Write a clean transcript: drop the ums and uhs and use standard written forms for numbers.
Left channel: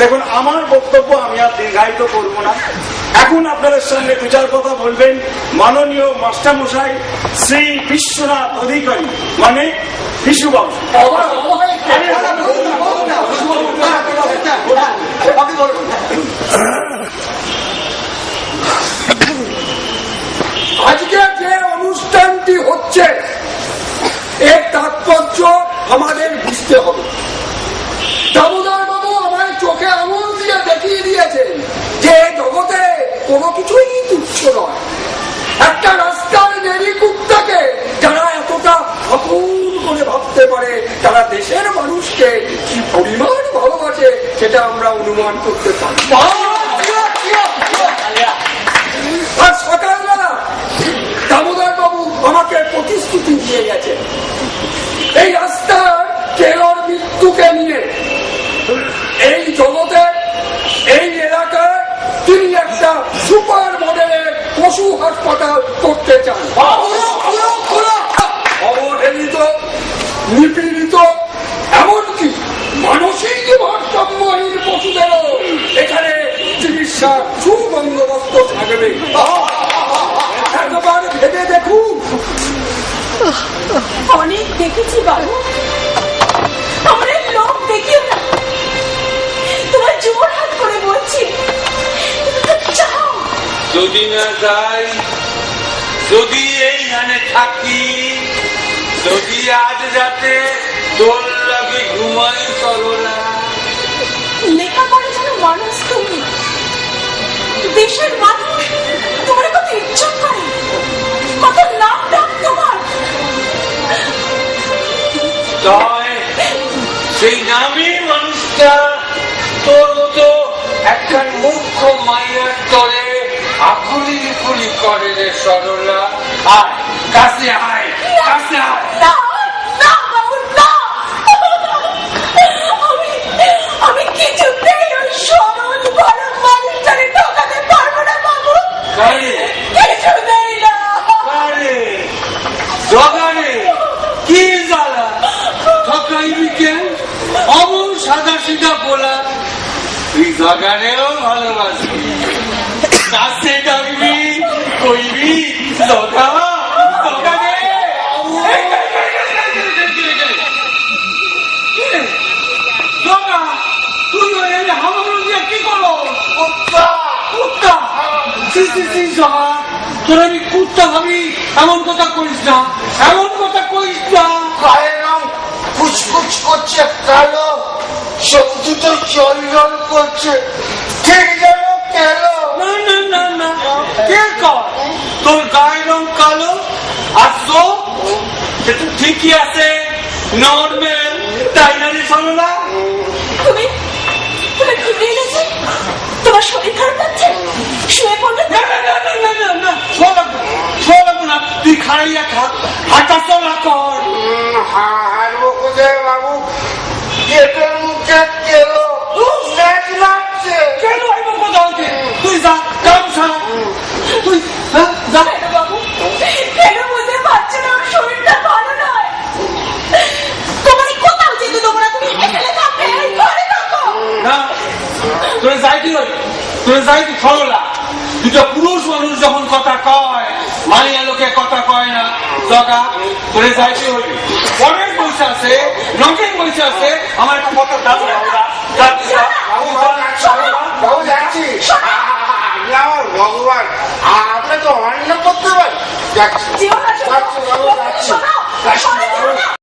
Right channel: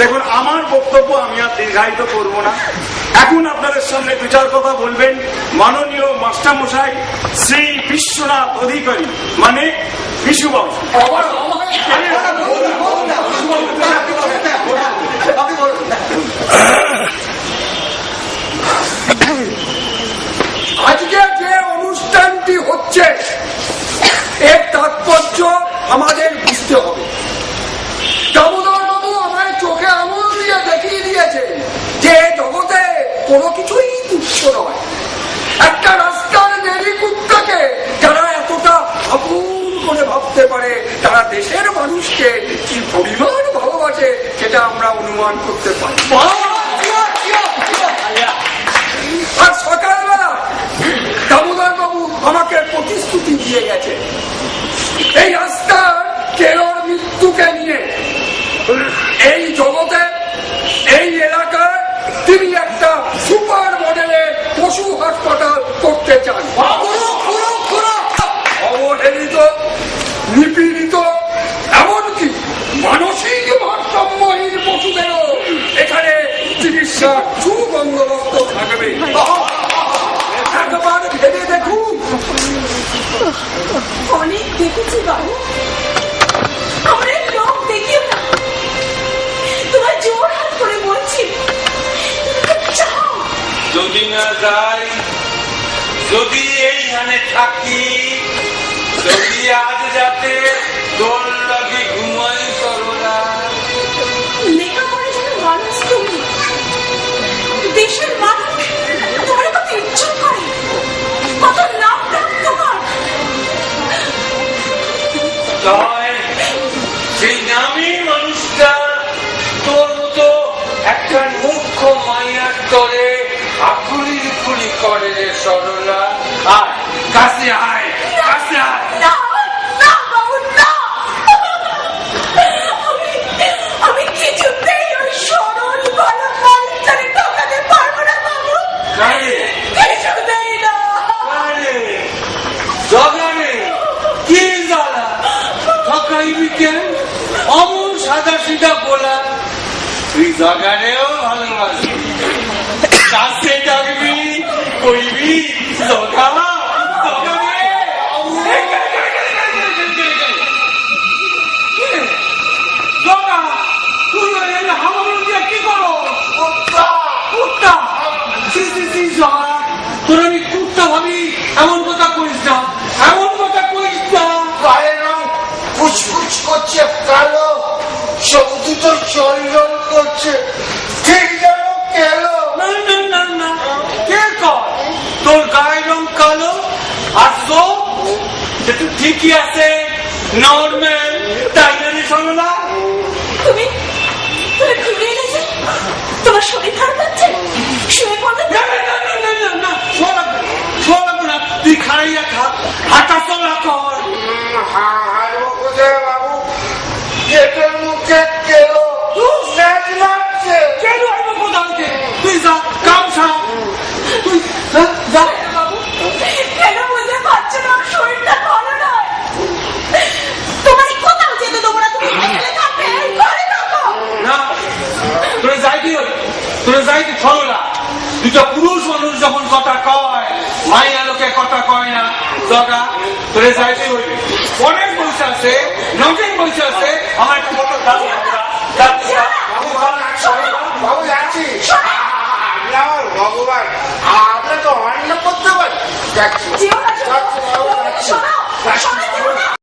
দেখুন, আমার বক্তব্য আমি আর দীর্ঘায়িত করব না। এখন আপনাদের সামনে দু চার কথা বলবেন মাননীয় মাস্টারমশাই শ্রী বিশ্বনাথ অধিকারী, মানে বিশুবাবু। আজকে যে অনুষ্ঠানটি হচ্ছে এর তাৎপর্য আমাদের বুঝতে হবে। দামোদর বাবু আমায় চোখে আঙুল দিয়ে দেখিয়ে দিয়েছেন যে জগতে কোনো কিছুই তুচ্ছ নয়। একটা রাস্তার নেড়ি কুত্তাকে যারা এতটা আপন করে ভাবতে পারে, তারা দেশের মানুষকে কি পরিমাণ ভালোবাসে সেটা আমরা অনুমান করতে পারি। আর সকালবেলা দামোদর বাবু আমাকে প্রতিশ্রুতি দিয়ে গেছে এই রাস্তার কেলোর মৃত্যুকে নিয়ে এই জগতে এই এলাকায় তিনি একটা সুপার মডেলের পশু হাসপাতাল করতে চান। অবহেলিত, নিপীড়িত, এমনকি মানসিক ভারসাম্যহীন পশুদেরও এখানে চিকিৎসার সুবন্দোবস্ত থাকবে। একবার ভেবে দেখুন। অনেক দেখেছি বাবু, অনেক লোক দেখিও না, তোমার জোর হাত করে বলছি যাও। যদি না যাই, যদি এইখানে থাকি, যদি আজ রাতে তোর লাগে ঘুমাই করো না। লেখাপড়া যেন মানুষ, তুমি দেশের মানুষ, তোমার কত ইচ্ছা করে, কত নাম ডাক তোমার। তাই সেই নামী মানুষটা তোর তো একটা মুখ্য মাইয়ার তরে আকুলি কুলি করে রে সরলা। আয় কাছে আয়, কাছে আয়। আমি কিছুতেই ওই সরল ভালো মানুষটাকে ঠকাতে পারবো না বাবু। কিছুতেই না। জগানে কি জ্বালা ঠকাইবি কেন? অমন সাদা সিধা বলা তুই জগানেও ভালোবাসবি। কাছে ডাকবি, কইবি জগা জগানে। জগা তুই হামাগুলো দিয়ে কি করো? কুত্তা কুত্তা জগা, তোর আমি কুত্তা ভাবি এমন কথা কইস না, এমন কথা কইস না। পায়ের রং ফুচফুচ করছে কালো, সব দুটো জল জল করছে, ঠিক যেন কেলো। না না না না, কে কর তোর গায়ের রং কালো আর চোখ সেটা ঠিকই আছে, নর্মাল, তাই না রে সরলা? তুমি তুমি ঘুরে গেছে, তোমার শরীর খারাপ লাগছে, শুয়ে পড়বে। না না না না না না, শোয়া লাগবে না, তুই খাইয়া খা, হাঁটা চলা কর। হারবো কোথায় বাবু? গেটের মুখে কেলো, ম্যাচ লাগছে। কেন আইব কোথা হইতে? তুই যা, গামছা তুই যা। বাবু কেন বুঝতে পারছো না আমার শরীরটা ভালো নয়? তোমার কোথাও যেতে দেবো না, তুমি এখানে থাকবে, এই ঘরে থাকো। না তোরে যাইতে হই, তোরে যাইতে সরলা। দুটো পুরুষ মানুষ যখন কথা কয়, মাইয়া লোকে কথা কয় না। জগা তোরে যাইতে হইবে, অনেক বসে আছে, নটেন বসে আছে, আমার একটা কত দাবি। বাবু যাচ্ছি। আমার ভগবান, আমরা তো অন্য করতে পারি। যাচ্ছি জীবন আছে, বাবু যাচ্ছি। শোনো, শোনো,